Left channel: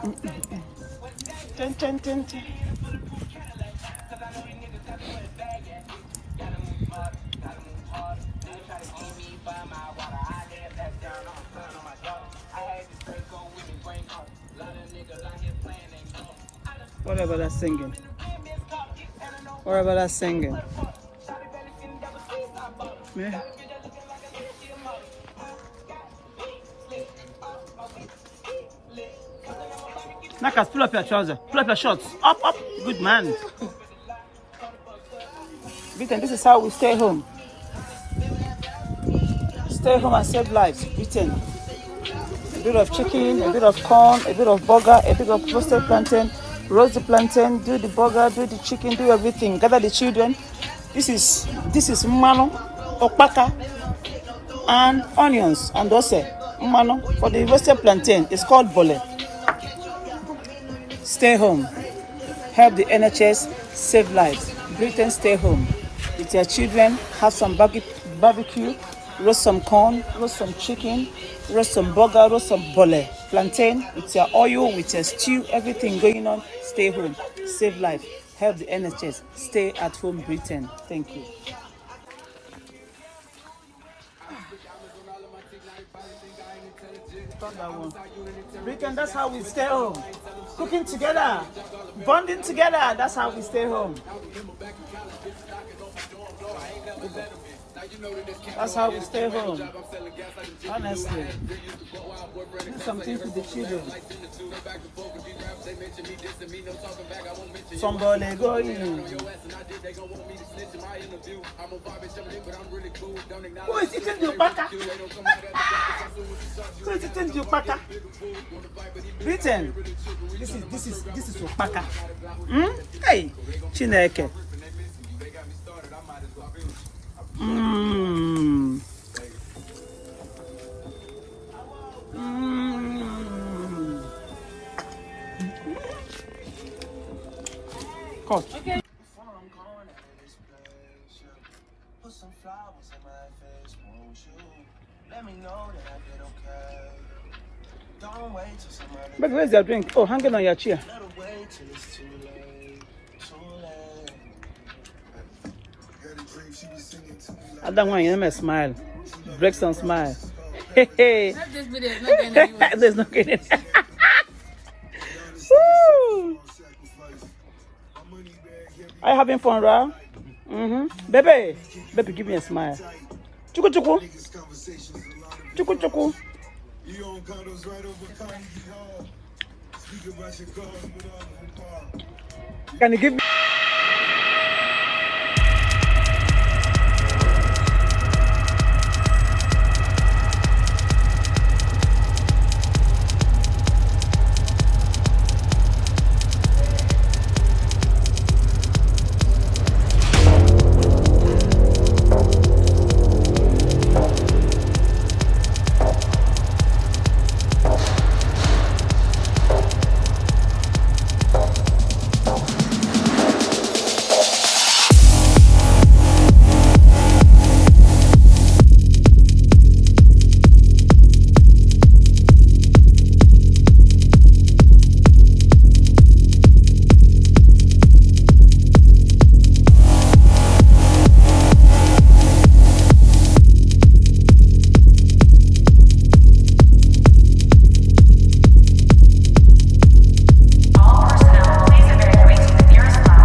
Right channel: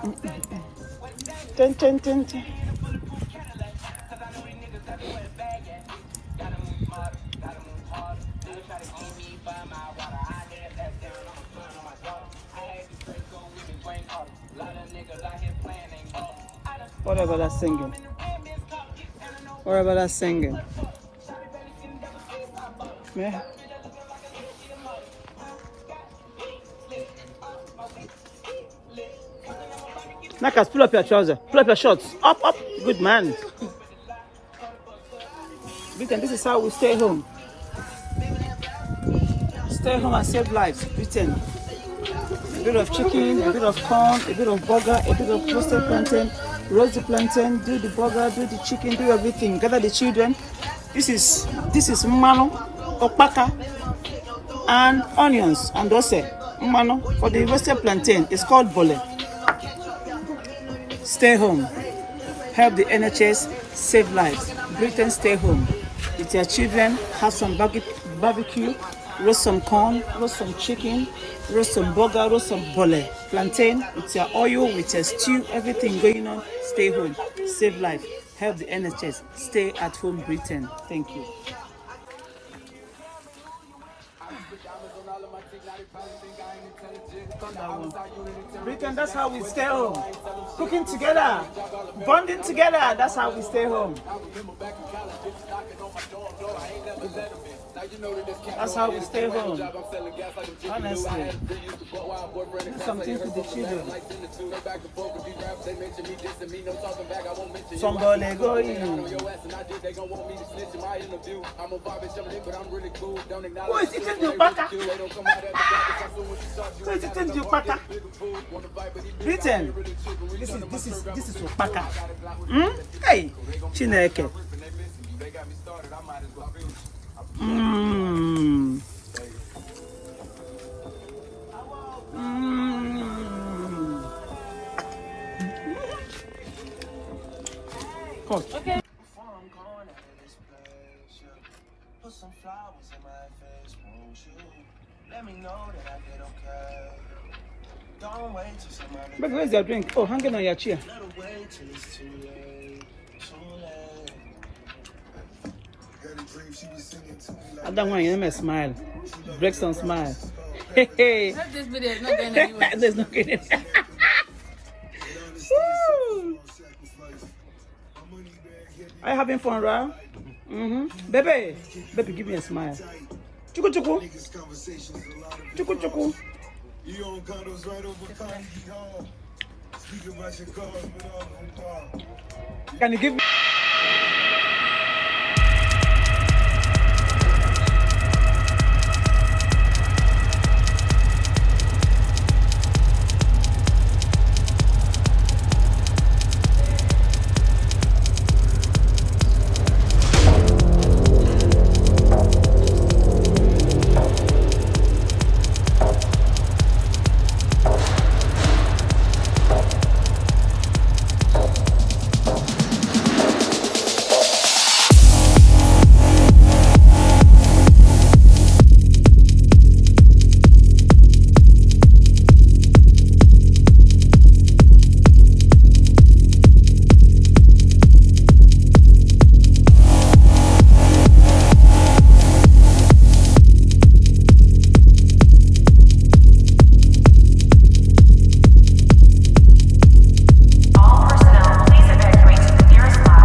Ten, ten, ten, ten. What about that singing? What about that singing? Yeah. Nakas, pull up your trousers. Pull up your shorts. Up, up. Good man. Britain, this is how we stay home. Stay home and save lives. Britain. A bit of chicken, a bit of corn, a bit of burger, a bit of roasted plantain. Roast the plantain, do the burger, do the chicken, do everything. Gather the children. This is mano, opaka, and onions and dose. Mano for the roasted plantain. It's called bole. Stay home. Help the NHS save lives. Britain, stay home. With your children, have some barbecue, roast some corn, roast some chicken, roast some burger, roast some bole. Plantain, with your oil, with your stew, everything going on. Stay home. Save life. Help the NHS. Stay at home, Britain. Thank you. Britain, that's how we stay home. Cooking together, bonding together, that's how we stay home. That's how we stay home. Honestly. Do something for the children. Somebody go in. Who is eating the butter? Who is eating the butter? Britain. This is Opaka. Hey, Chineke. Coach. Okay. Put some flowers in my face, won't you? Let me know that I did okay. Don't wait till somebody. But where's your drink? Oh, hanging on your chair. Wait till it's too late. I don't want you to smile. Break some smile. Hey, hey. This video is not getting anywhere. There's not getting anywhere. Woo! Are you having fun, Ra? Baby, give me a smile. Chuku chuku. Chuku chuku. Can you give me?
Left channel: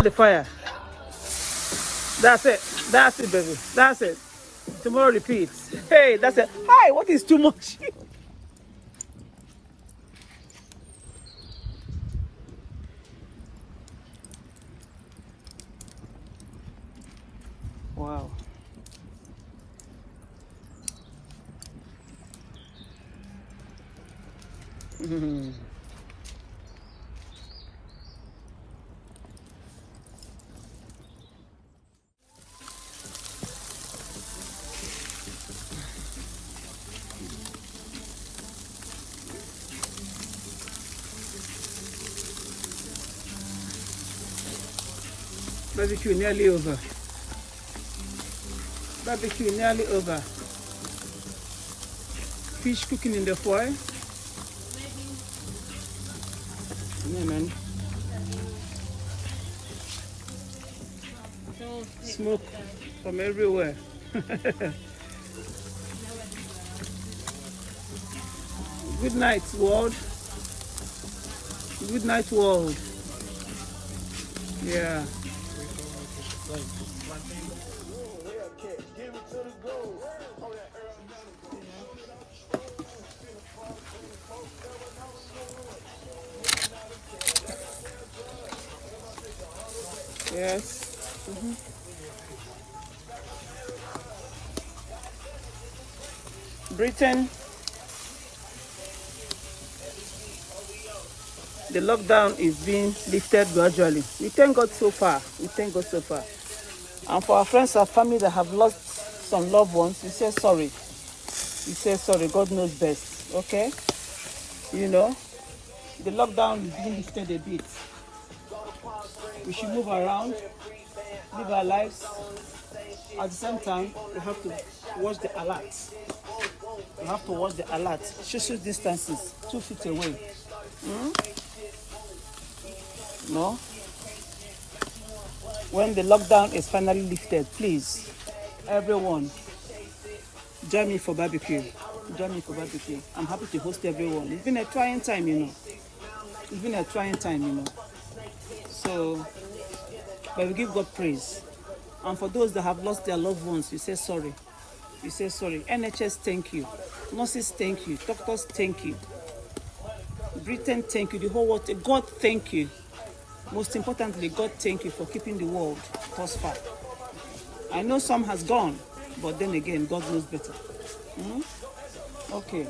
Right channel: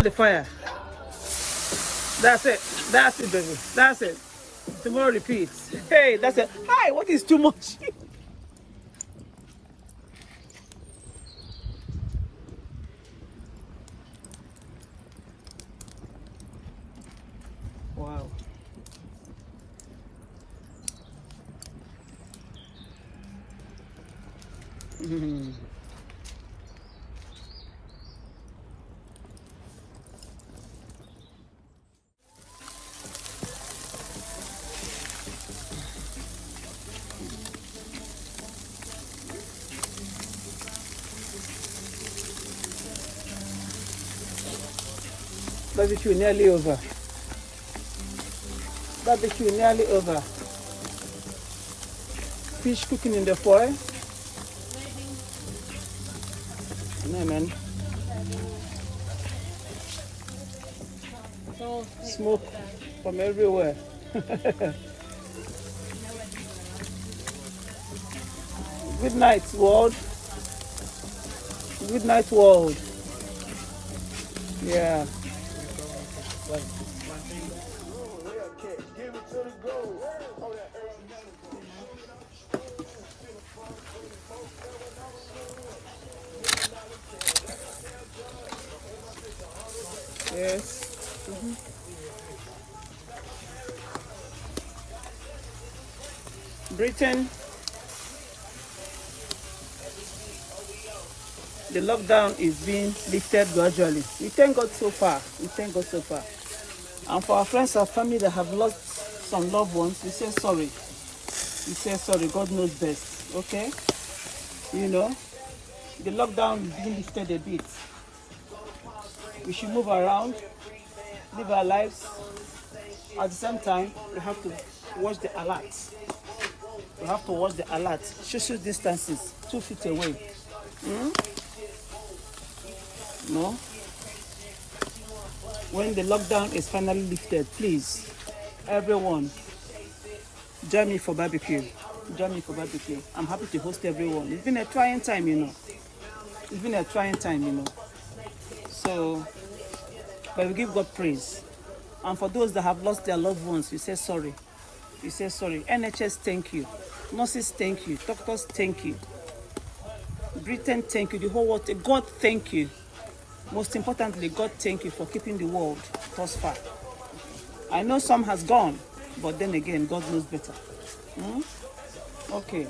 The fire. That's it. That's it, baby. That's it. Tomorrow repeats. Hey, that's it. Hi, what is too much? Wow. Barbecue nearly over. Barbecue nearly over. Fish cooking in the foil. Yeah, man. Smoke from everywhere. Good night, world. Good night, world. Yeah. Yes. Britain, the lockdown is being lifted gradually. We thank God so far. We thank God so far. And for our friends and family that have lost some loved ones, we say sorry. We say sorry. God knows best. Okay? You know, the lockdown is being lifted a bit. We should move around, live our lives. At the same time, we have to watch the alerts. We have to watch the alerts. Social distances, 2 feet away. No? When the lockdown is finally lifted, please, everyone, join me for barbecue. Join me for barbecue. I'm happy to host everyone. It's been a trying time, you know. It's been a trying time, you know. So, but we give God praise. And for those that have lost their loved ones, we say sorry. We say sorry. NHS, thank you. Nurses, thank you. Doctors, thank you. Britain, thank you. The whole world, God, thank you. Most importantly, God, thank you for keeping the world thus far. I know some has gone, but then again, God knows better. Okay.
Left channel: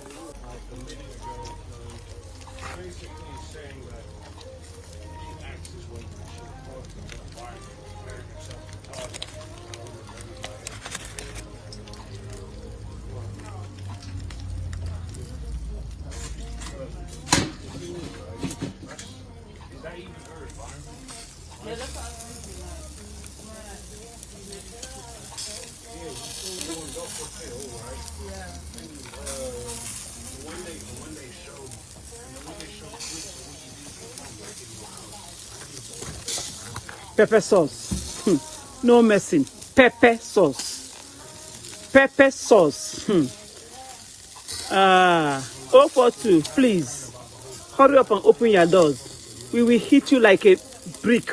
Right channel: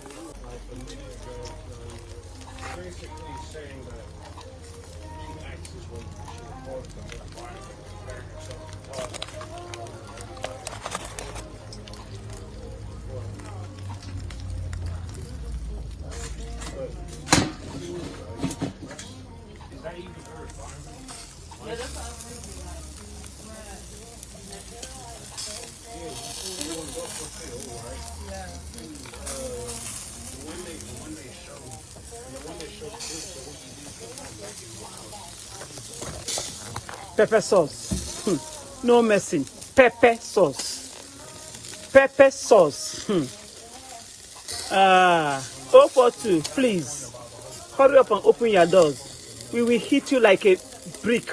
Pepper sauce. No messing. Pepper sauce. Pepper sauce. 042, please. Hurry up and open your doors. We will hit you like a brick.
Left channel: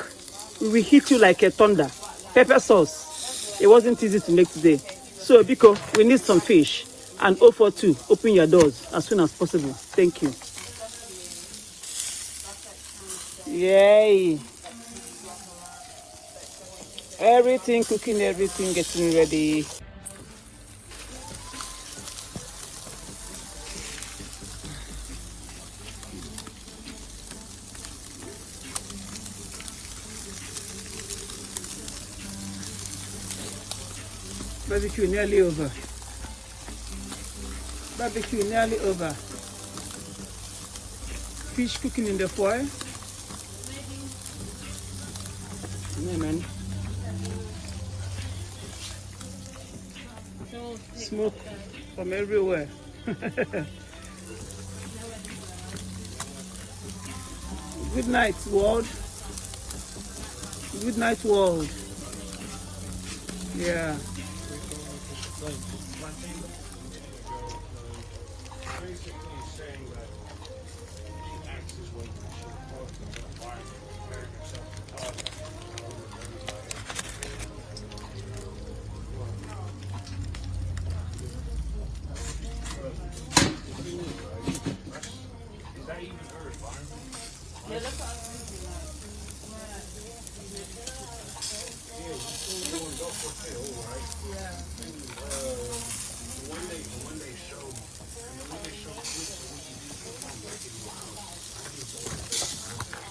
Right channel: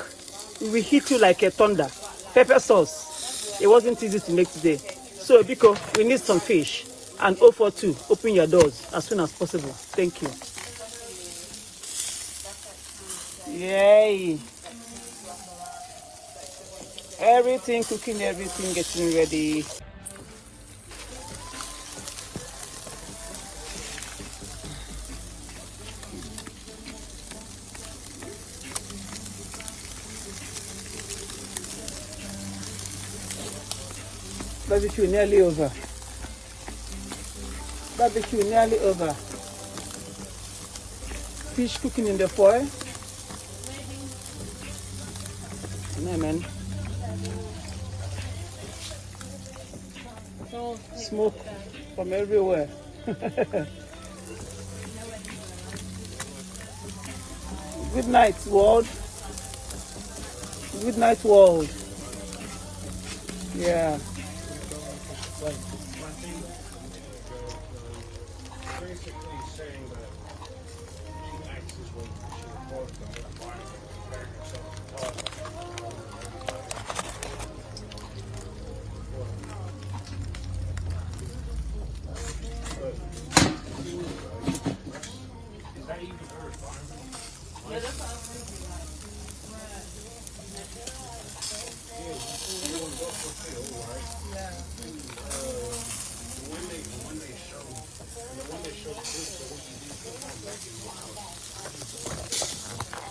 We will hit you like a thunder. Pepper sauce. It wasn't easy to make today. So, Biko, we need some fish. And 042, open your doors as soon as possible. Thank you. Yay. Everything cooking, everything getting ready. Barbecue nearly over. Barbecue nearly over. Fish cooking in the foil. Yeah, man. Smoke from everywhere. Good night, world. Good night, world. Yeah.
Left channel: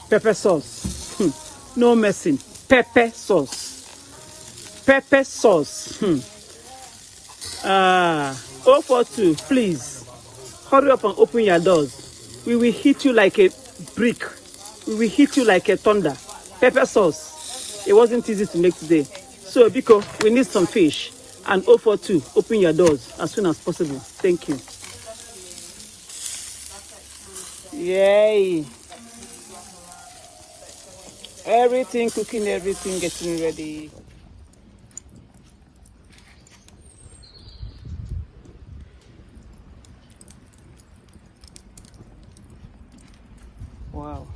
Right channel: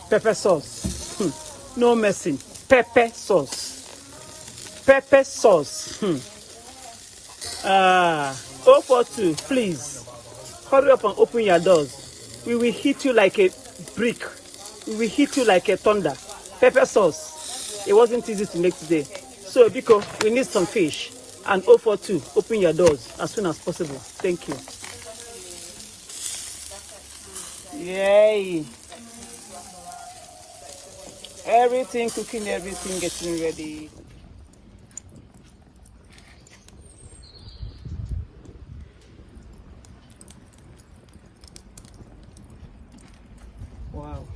Pepper sauce. No messing. Pepper sauce. Pepper sauce. 042, please. Hurry up and open your doors. We will hit you like a brick. We will hit you like a thunder. Pepper sauce. It wasn't easy to make today. So, Biko, we need some fish. And 042, open your doors as soon as possible. Thank you. Yay. Everything cooking, everything getting ready. Wow.